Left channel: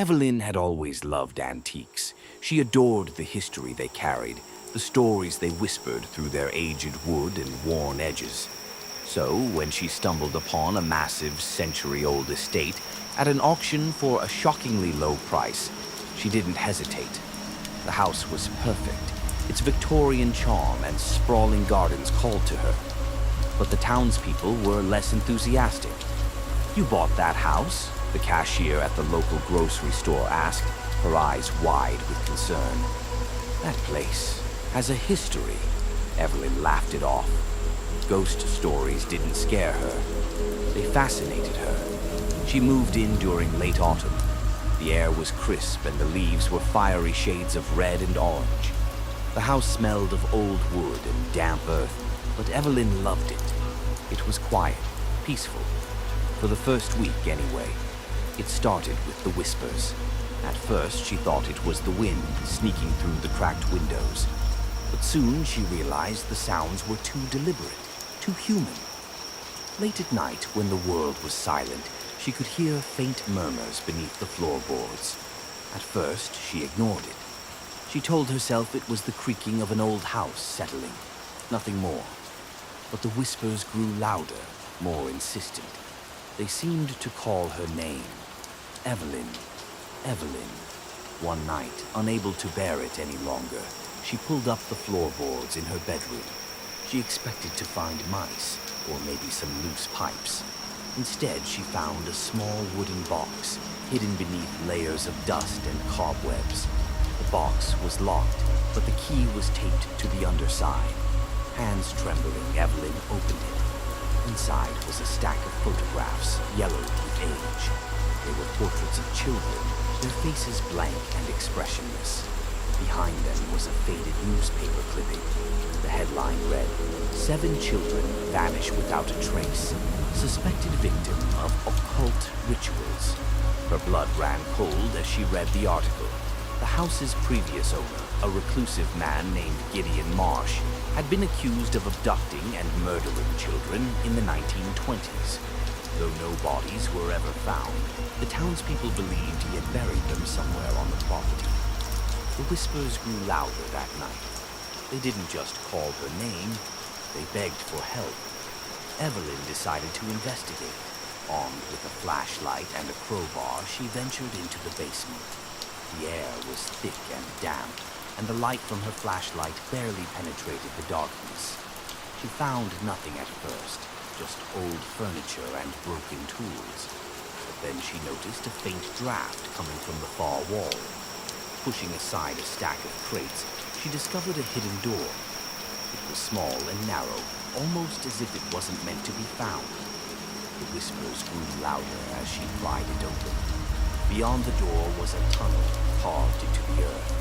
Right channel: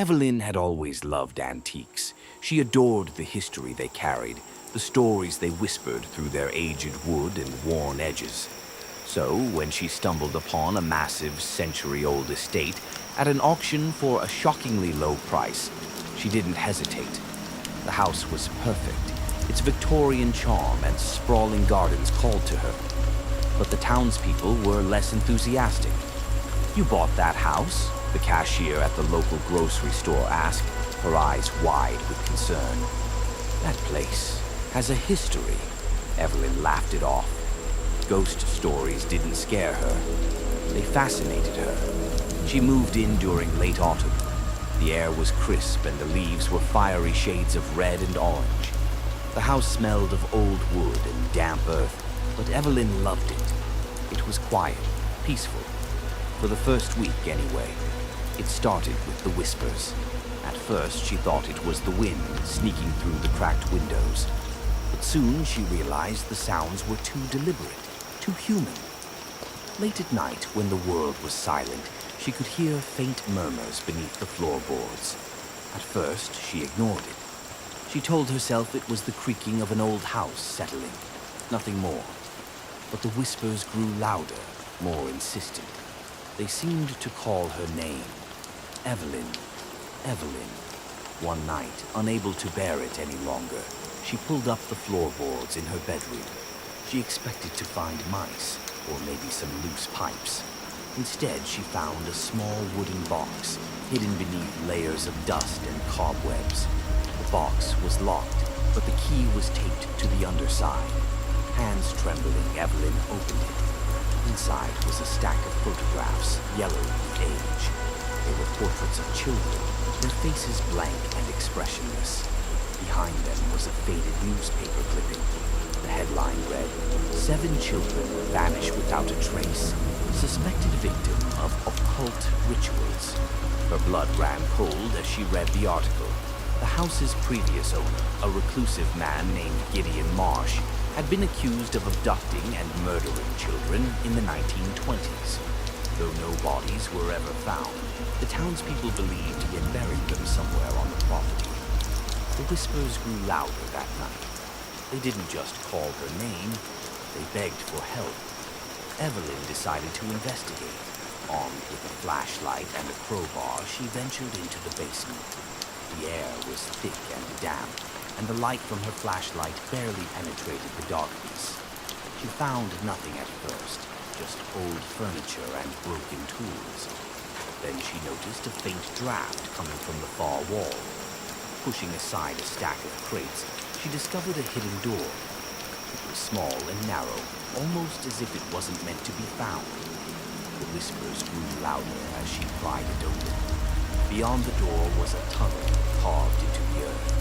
Evelyn had always loved antiques. She adored the history they carried, the stories they whispered through their aged wood and worn edges. So, when she stumbled upon a massive century-old estate at an auction for a shockingly low price, she didn't hesitate. The house was perfect. Its Victorian charm and sprawling gardens called to her. But the townspeople were less enthusiastic. "You bought that house?" the cashier at the local grocery store asked, her eyes wide with concern. "That place has a history." Evelyn laughed it off. Ghost stories didn't scare her. They fascinated her. She moved in during late autumn. The air was crisp and the leaves were fiery shades of red and orange. The house smelled of old wood and damp earth, but Evelyn loved it. It was quiet, peaceful. For the first week, anyway. It started with the whispers. At first, she thought it was the wind sneaking through the cracked windows. But soon she realized the sounds were too deliberate, too human. Late at night, when the world was silent, she could hear faint murmurs beneath the floorboards. At first, she ignored it. She told herself it was the creaking of an old house settling, nothing more. But the whispers grew louder, more insistent. They seemed to call her name. Evelyn, Evelyn. One night, unable to bear it any longer, she pulled up the floorboards in her bedroom. She expected to find mice, or maybe some loose pipes. Instead, she found a small wooden box, hidden beneath layers of dust and cobwebs. The box was locked, but the key was taped to the underside. Hands trembling, Evelyn opened it. Inside was a stack of photographs, yellowed with age. They were portraits of children, their faces blank and expressionless. Behind them was a faded newspaper clipping. The headline read, "7 children vanish without a trace. Suspected victim of occult rituals." Her blood ran cold as she read the article. The house's previous owner, a reclusive man named Gideon Marsh, had been accused of abducting and murdering children in the 1920s. Though no bodies were ever found, the townspeople believed he had buried them somewhere on the property. The whispers grew louder that night. They didn't just call her name, they begged for help. Evelyn decided to investigate. Armed with a flashlight and a crowbar, she ventured into the basement. The air was thick and damp, and the light from her flashlight barely penetrated the darkness. She found nothing at first, just old furniture and broken tools. But then she noticed a faint draft coming from the far wall. Pushing aside a stack of crates, she discovered a hidden door. It was small and narrow, almost as if it wasn't meant to be found. The whispers grew louder as she pried it open. Beyond the door was a tunnel carved into the earth.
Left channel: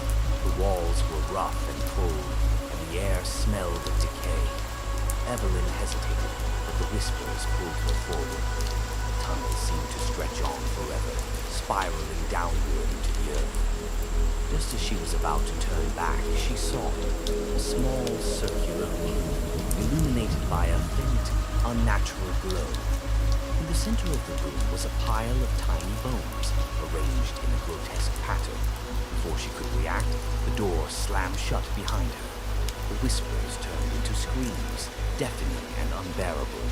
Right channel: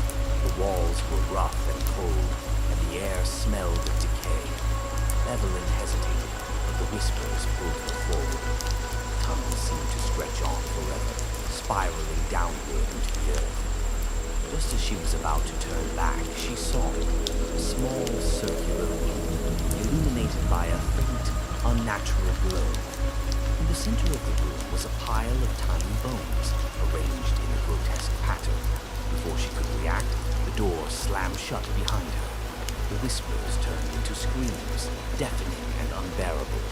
The walls were rough and cold, and the air smelled of decay. Evelyn hesitated, but the whispers pulled her forward. The tunnel seemed to stretch on forever, spiraling downward into the earth. Just as she was about to turn back, she saw it, a small circular ring, illuminated by a faint, unnatural glow. In the center of the room was a pile of tiny bones, arranged in a grotesque pattern. Before she could react, the door slammed shut behind her. The whispers turned into screams, deafening and unbearable.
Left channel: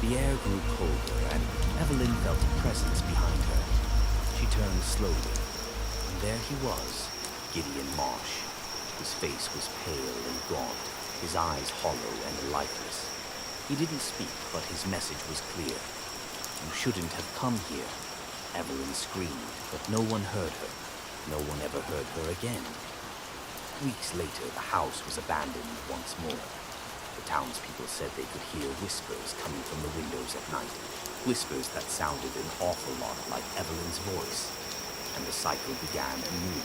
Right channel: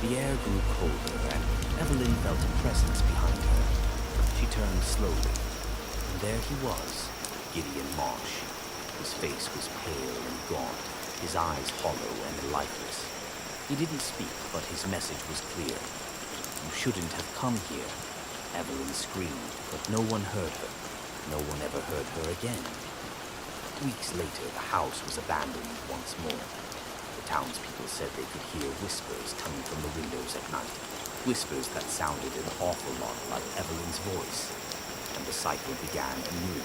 The air grew colder, and Evelyn felt a presence behind her. She turned slowly, and there he was, Gideon Marsh. His face was pale and gaunt, his eyes hollow and lifeless. He didn't speak, but his message was clear. "You shouldn't have come here." Evelyn screamed, but no one heard her. No one ever heard her again. Weeks later, the house was abandoned once more. The townspeople said they could hear whispers coming from the windows at night, whispers that sounded an awful lot like Evelyn's voice. And the cycle began anew.